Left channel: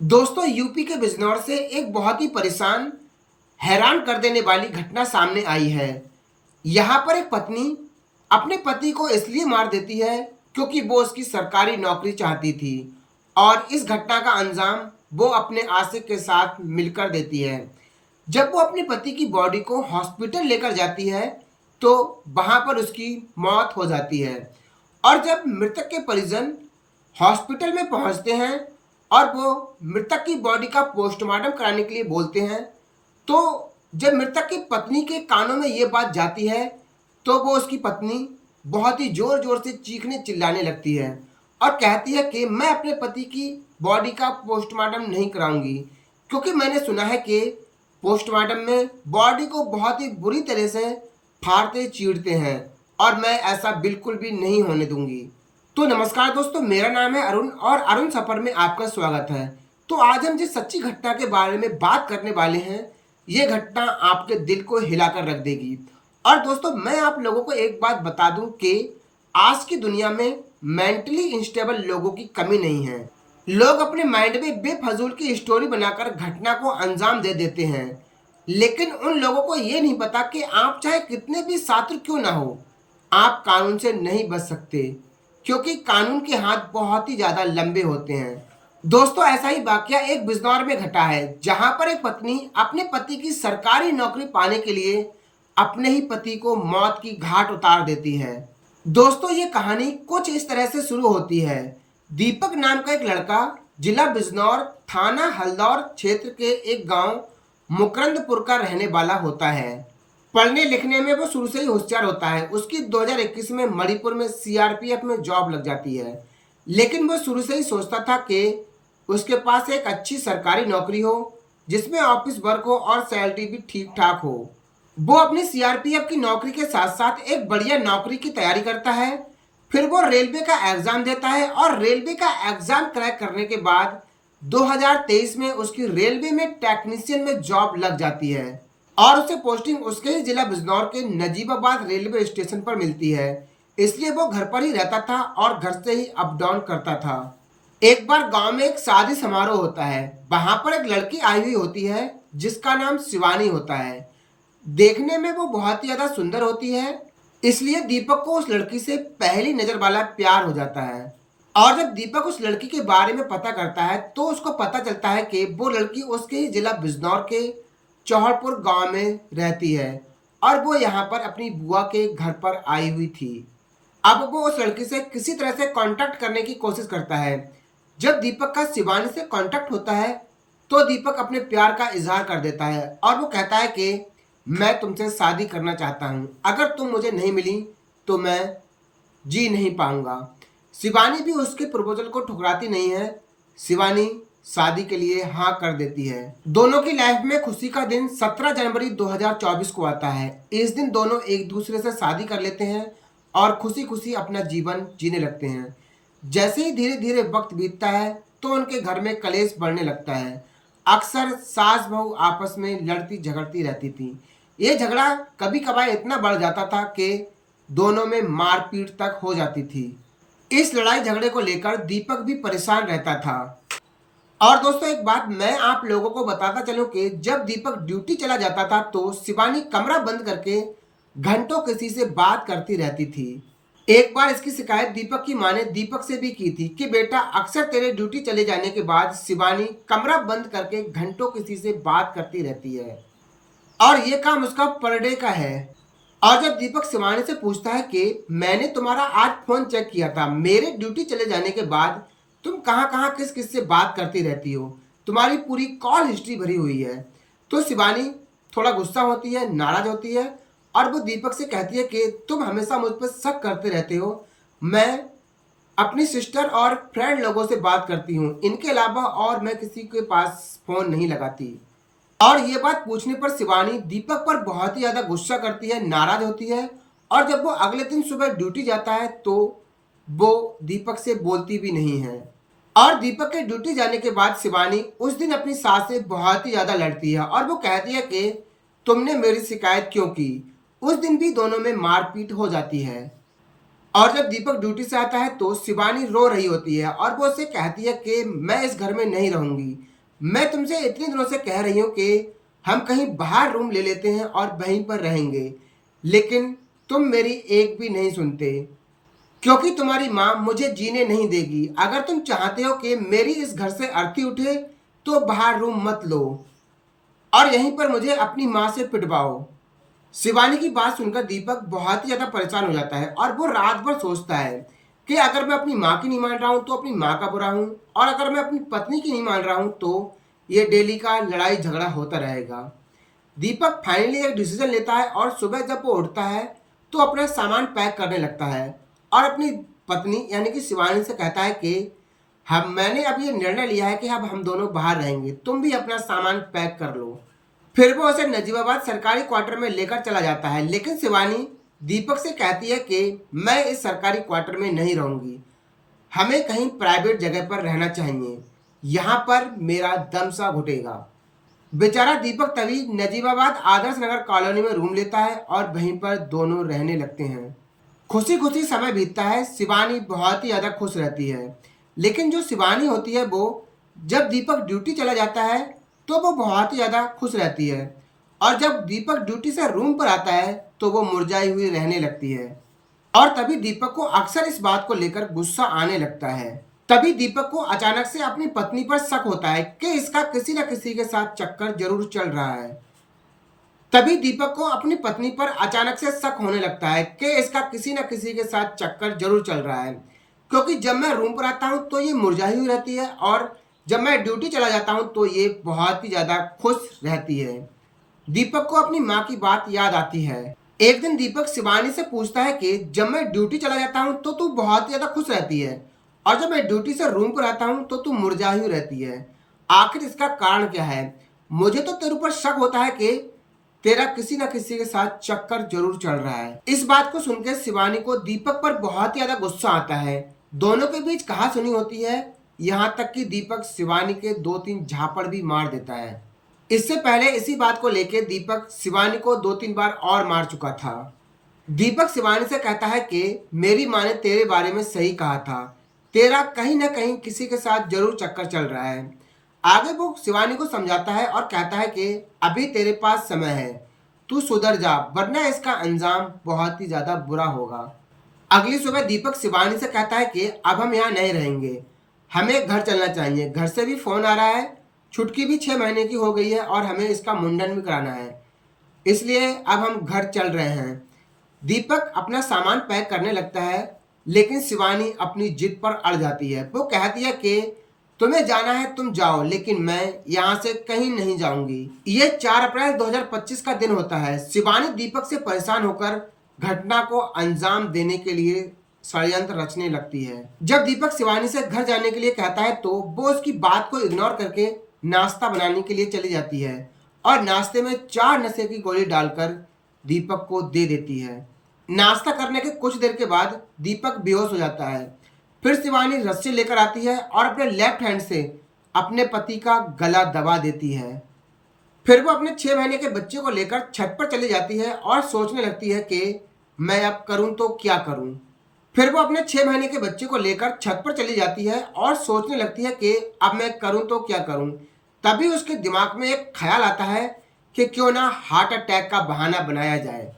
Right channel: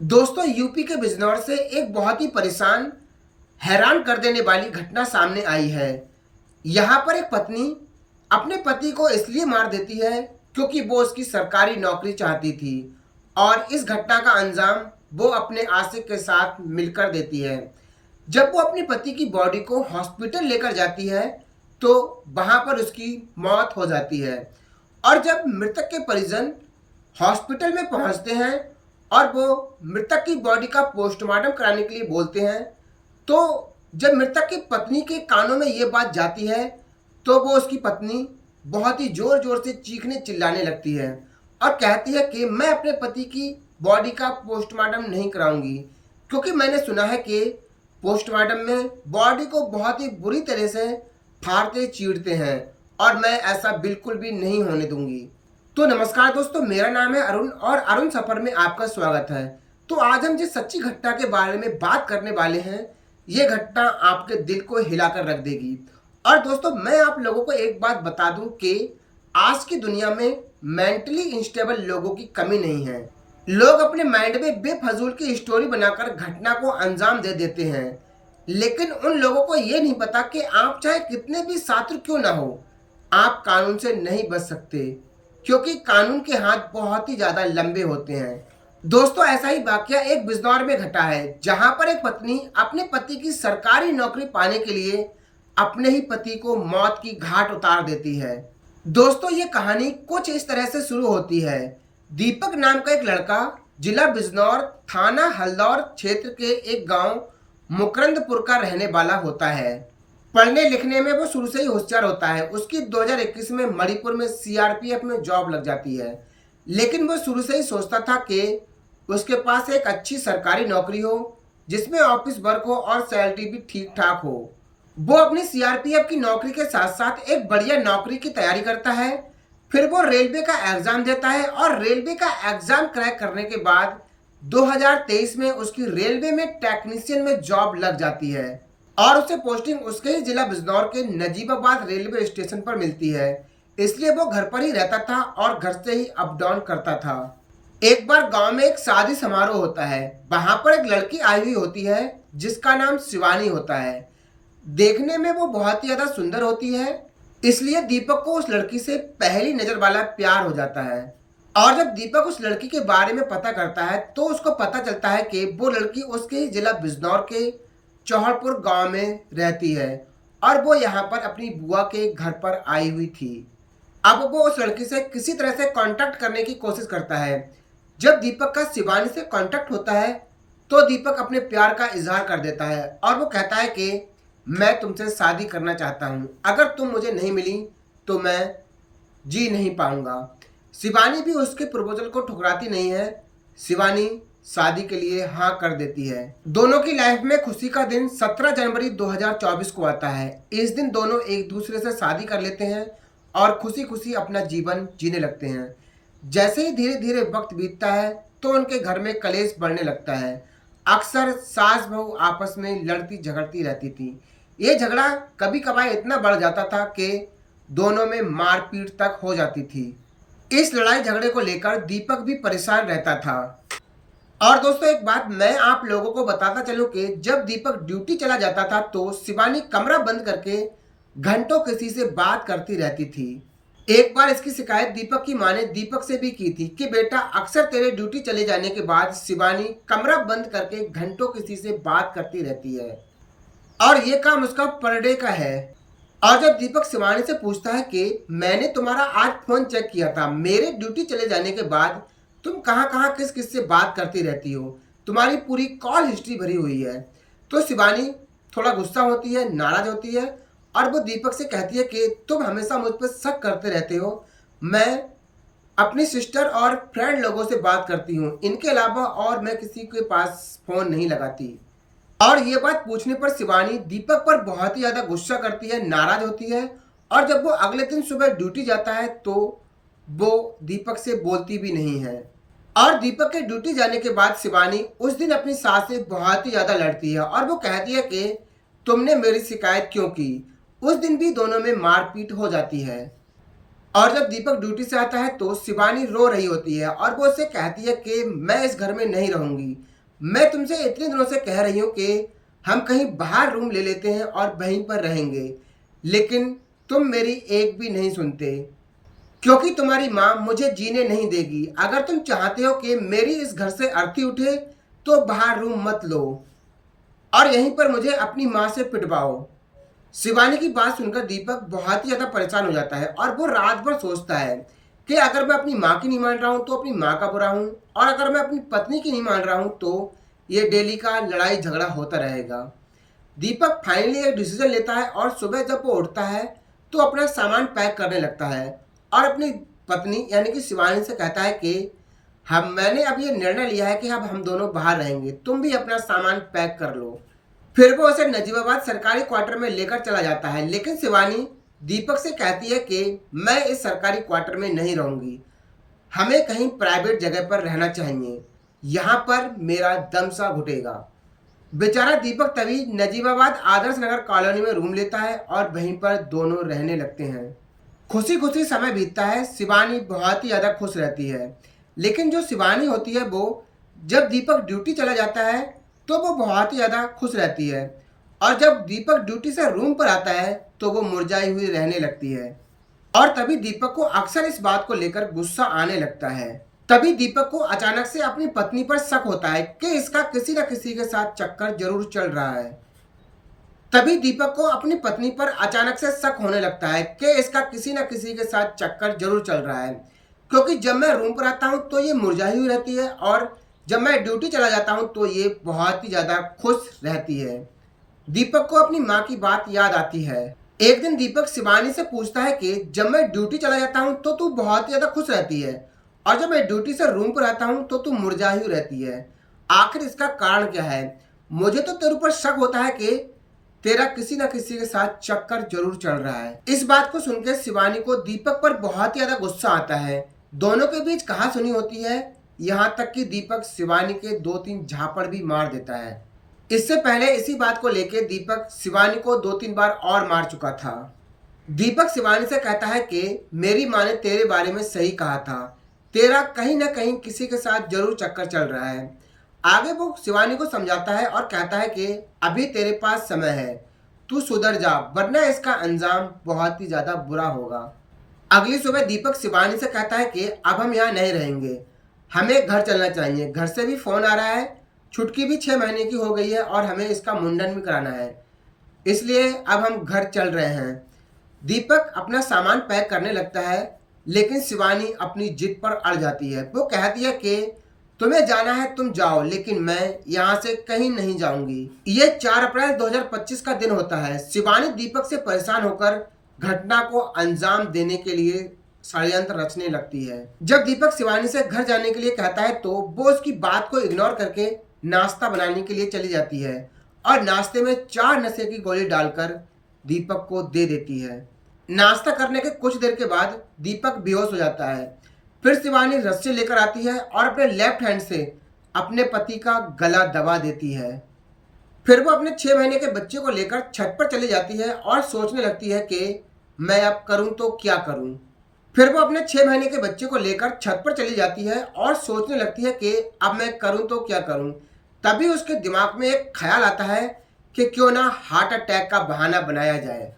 दोस्तों यूपी के बिजनौर से एक बहुत ही परेशान हैरान कर देने वाली घटना सामने आई है। यहाँ पर एक पत्नी अपने पति को इसलिए मार देती है क्योंकि वो उसकी सरकारी नौकरी चाहती थी और इस घटना का अंजाम वो अपने आशिक के साथ मिलकर देती है। जब वो अपने पति की बॉडी को हॉस्पिटल लेकर जाती है तो वहाँ पर उसकी मौत हो जाती है और जब मृतक के परिजन हॉस्पिटल में पहुंचते हैं और वो मृतक की बॉडी का पोस्टमार्टम कराने के लिए बोलते हैं तो जब मृतक की पत्नी के कानों में ये बात जाती है तो वो उसकी पत्नी बहुत ही जोर जोर से चीखने चिल्लाने लगती है और कहती है कि मैं अपने पति की बॉडी का पोस्टमार्टम नहीं कराऊंगी क्योंकि मैंने सुना है कि पोस्टमार्टम में बॉडी को बहुत ही बुरी तरह से फाड़ते चीरते हैं और मैं ऐसा बिल्कुल भी नहीं होने दूंगी। तो नमस्कार दोस्तों, मेरा नाम है अरुण और अरुण सफर में आपका स्वागत है। तो आज हम जिस सच्ची घटना के बारे में बात करने वाले हैं, ये घटना आपके दिल को हिलाकर रख देगी। और दोस्तों, मैं आप लोगों को एक बात बता दूं कि आज की दुनिया में मेंटली इंस्टेबल लोगों की कमी नहीं है। लोग अपने माइंड में बेफजूल की स्टोरी बनाकर घटना को अंजाम दे देते हैं, लेकिन उन लोगों को ये नहीं पता कि आप चाहे कितने भी शातिर क्यों ना हो, आप कानून से नहीं बच सकते क्योंकि कानून के हाथ बहुत ही ज्यादा लंबे होते हैं। दोस्तों, ऐसा ही वाकया एक बिजनौर में घटा है जहां पर एक पत्नी अपने पति की सरकारी नौकरी पाने के लिए अपने ही पति को मौत की घाट उतार देती है। दोस्तों, ये कहानी कुछ इस तरह से शुरू होती है। दीपक नाम का एक लड़का जिला बिजनौर, थाना हल्दौर क्षेत्र के एक गांव मुकरंदपुर का रहने वाला होता है। पढ़ने लिखने में वो शुरू से ही होशियार होता है। उसकी 2021 में मणिपुर में सीआरपीएफ में जॉब लग जाती है, लेकिन वो शुरू से ही सोचता था कि उसके पास एक अच्छी सरकारी नौकरी हो जिसमें ऑफिस वर्क हो और सैलरी भी ठीक ठाक हो। वो अपनी सीआरपीएफ की नौकरी के साथ साथ एक बढ़िया नौकरी की तैयारी करता है। फिर वो रेलवे का एग्जाम देता है और रेलवे का एग्जाम क्रैक करने के बाद 2023 में उसकी रेलवे में टेक्नीशियन में जॉब लग जाती है और उसे पोस्टिंग उसके ही जिला बिजनौर के नजीबाबाद रेलवे स्टेशन पर मिलती है। इसलिए वो घर पर ही रहता था और घर से ही अप डाउन करता था। एक बार गांव में एक शादी समारोह होता है। वहां पर एक लड़की आई हुई होती है जिसका नाम शिवानी होता है। देखने में वो बहुत ही ज्यादा सुंदर होती है, इसलिए दीपक को उस लड़की से पहली नजर वाला प्यार हो जाता है। और जब दीपक उस लड़की के बारे में पता करता है तो उसको पता चलता है कि वो लड़की उसके ही जिला बिजनौर के चौहड़पुर गांव में रहती है और वो यहाँ पर अपनी बुआ के घर पर आई हुई थी। अब वो उस लड़की से किसी तरह से कांटेक्ट करने की कोशिश करता है। जब दीपक का शिवानी से कांटेक्ट होता है तो दीपक अपने प्यार का इजहार कर देता है और वो कहता है कि मैं तुमसे शादी करना चाहता हूँ, अगर तुम मुझे नहीं मिली तो मैं जी नहीं पाऊंगा। शिवानी भी उसके प्रपोजल को ठुकराती नहीं है। शिवानी शादी के लिए हाँ कर देती है। दोनों की लाइफ में खुशी का दिन 17 जनवरी 2024 को आता है। इस दिन दोनों एक दूसरे से शादी कर लेते हैं और खुशी खुशी अपना जीवन जीने लगते हैं। जैसे ही धीरे धीरे वक्त बीतता है तो उनके घर में कलेश बढ़ने लगता है। अक्सर सास बहू आपस में लड़ती झगड़ती रहती थी। ये झगड़ा कभी कभार इतना बढ़ जाता था कि दोनों में मारपीट तक हो जाती थी। इस लड़ाई झगड़े को लेकर दीपक भी परेशान रहता था। और दोस्तों, एक बात मैं आप लोगों को बताता चलूं कि जब दीपक ड्यूटी चला जाता था तो शिवानी कमरा बंद करके घंटों किसी से बात करती रहती थी। एक बार इसकी शिकायत दीपक की मां ने दीपक से भी की थी कि बेटा, अक्सर तेरे ड्यूटी चले जाने के बाद शिवानी कमरा बंद करके घंटों किसी से बात करती रहती है और ये काम उसका पर डे का है। और जब दीपक शिवानी से पूछता है कि मैंने तुम्हारा आज फोन चेक किया था, मेरे ड्यूटी चले जाने के बाद तुम कहाँ कहाँ किस किस से बात करती रहती हो, तुम्हारी पूरी कॉल हिस्ट्री भरी हुई है। तो शिवानी थोड़ा गुस्सा होती है, नाराज होती है और वो दीपक से कहती है कि तुम हमेशा मुझ पर शक करते रहते हो। मैं अपनी सिस्टर और फ्रेंड लोगों से बात करती हूँ, इनके अलावा और मैं किसी के पास फोन नहीं लगाती। और ये बात पूछने पर शिवानी दीपक पर बहुत ही ज्यादा गुस्सा करती है, नाराज होती है और जब वो अगले दिन सुबह ड्यूटी जाता है तो वो दीपक से बोलती भी नहीं है। और दीपक के ड्यूटी जाने के बाद शिवानी उस दिन अपनी सास से बहुत ही ज्यादा लड़ती है और वो कहती है कि तुमने मेरी शिकायत क्यों की। उस दिन भी दोनों में मारपीट हो जाती है। और जब दीपक ड्यूटी से आता है तो शिवानी रो रही होती है और वो उससे कहती है कि मैं इस घर में नहीं रहूंगी, मैं तुमसे इतने दिनों से कह रही हूँ कि हम कहीं बाहर रूम ले लेते हैं और वहीं पर रहेंगे, लेकिन तुम मेरी एक भी नहीं सुनते, क्योंकि तुम्हारी माँ मुझे जीने नहीं देगी। अगर तुम चाहते हो कि मेरी इस घर से अर्थी उठे तो बाहर रूम मत लो और यहीं पर मुझे अपनी माँ से पिटवाओ। शिवानी की बात सुनकर दीपक बहुत ही ज़्यादा परेशान हो जाता है और वो रात भर सोचता है कि अगर मैं अपनी माँ की नहीं मान रहा हूँ तो अपनी माँ का बुरा हूँ, और अगर मैं अपनी पत्नी की नहीं मान रहा हूँ तो ये डेली का लड़ाई झगड़ा होता रहेगा। दीपक फाइनली एक डिसीजन लेता है और सुबह जब वो उठता है तो अपना सामान पैक करने लगता है और अपनी पत्नी यानी कि शिवानी से कहता है कि मैंने अब ये निर्णय लिया है कि अब हम दोनों बाहर रहेंगे, तुम भी अपना सामान पैक कर लो। फिर वो उसे नजीबाबाद सरकारी क्वार्टर में लेकर चला जाता है, लेकिन शिवानी दीपक से कहती है कि मैं इस सरकारी क्वार्टर में नहीं रहूंगी, हमें कहीं प्राइवेट जगह पर रहना चाहिए, यहाँ पर मेरा दम सा घुटेगा। बेचारा दीपक तभी नजीबाबाद आदर्श नगर कॉलोनी में रूम लेता है और वहीं पर दोनों रहने लगते हैं। खुशी खुशी समय बीतता है, शिवानी बहुत ही ज़्यादा खुश रहती है। लेकिन जो शिवानी होती है वो जब दीपक ड्यूटी चला जाता है तो वो बहुत ही ज़्यादा खुश रहती है, और जब दीपक ड्यूटी से रूम पर आता है तो वो मुरझाई हुई रहने लगती है। और तभी दीपक को अक्सर इस बात को लेकर गुस्सा आने लगता है। तभी दीपक को अचानक से अपनी पत्नी पर शक होता है कि इसका किसी न किसी के साथ चक्कर जरूर चल रहा है। तभी दीपक को अपनी पत्नी पर अचानक से शक होने लगता है कि इसका किसी न किसी के साथ चक्कर जरूर चल रहा है, क्योंकि जब मैं रूम पर आता हूँ तो ये मुरझाई हुई रहती है और जब मैं ड्यूटी चला जाता हूँ तो ये बहुत ही ज़्यादा खुश रहती है। दीपक को अपनी माँ की बात याद आती है। एक दिन दीपक शिवानी से पूछता है कि जब मैं ड्यूटी चला जाता हूँ तो तू बहुत ही ज़्यादा खुश रहती है, और जब मैं ड्यूटी से रूम पर आता हूँ तो तू मुरझाई हुई रहती है, आखिर इसका कारण क्या है? मुझे तो तेरे ऊपर शक होता है कि तेरा किसी न किसी के साथ चक्कर जरूर चल रहा है। इस बात को सुनकर शिवानी को दीपक पर बहुत ही ज्यादा गुस्सा आता है। दोनों के बीच कहा सुनी होती है, यहाँ तक कि दीपक शिवानी के 2-3 झापड़ भी मार देता है। इससे पहले इसी बात को लेकर दीपक शिवानी को 2-3 बार और मार चुका था। दीपक शिवानी से कहता है कि मेरी माँ ने तेरे बारे में सही कहा था, तेरा कहीं ना कहीं किसी के साथ जरूर चक्कर चल रहा है। आगे वो शिवानी को समझाता है और कहता है कि अभी तेरे पास समय है, तू सुधर जा, वरना इसका अंजाम बहुत ही ज्यादा बुरा होगा। अगली सुबह दीपक शिवानी से कहता है कि अब हम यहाँ नहीं रहेंगे, हमें घर चलना चाहिए। घर से भी फोन आ रहा है, छुटकी भी 6 महीने की हो गई है और हमें इसका मुंडन भी कराना है, इसलिए अब हम घर चल रहे हैं। दीपक अपना सामान पैक करने लगता है, लेकिन शिवानी अपनी जिद पर अड़ जाती है। वो कहती है कि तुम्हें जाना है तुम जाओ, लेकिन मैं यहाँ से कहीं नहीं जाऊंगी। ये 4 अप्रैल 2025 का दिन होता है। शिवानी दीपक से परेशान होकर घटना को अंजाम देने के लिए षड्यंत्र रचने लगती है। जब दीपक शिवानी से घर जाने के लिए कहता है तो वो उसकी बात को इग्नोर करके नाश्ता बनाने के लिए चली जाती है और नाश्ते में 4 नशे की गोली डालकर दीपक को दे देती है। नाश्ता करने के कुछ देर के बाद दीपक बेहोश हो जाता है। फिर शिवानी रस्सी लेकर आती है और अपने लेफ्ट हैंड से अपने पति का गला दबा देती है। फिर वो अपने 6 महीने के बच्चे को लेकर छत पर चली जाती है और सोचने लगती है कि मैं अब करूं तो क्या करूं। फिर वो अपने 6 महीने के बच्चे को लेकर छत पर चली जाती है और सोचने लगती है कि अब मैं करूं तो क्या करूं। तभी उसके दिमाग में एक ख्याल आता है कि क्यों ना हार्ट अटैक का बहाना बनाया जाए।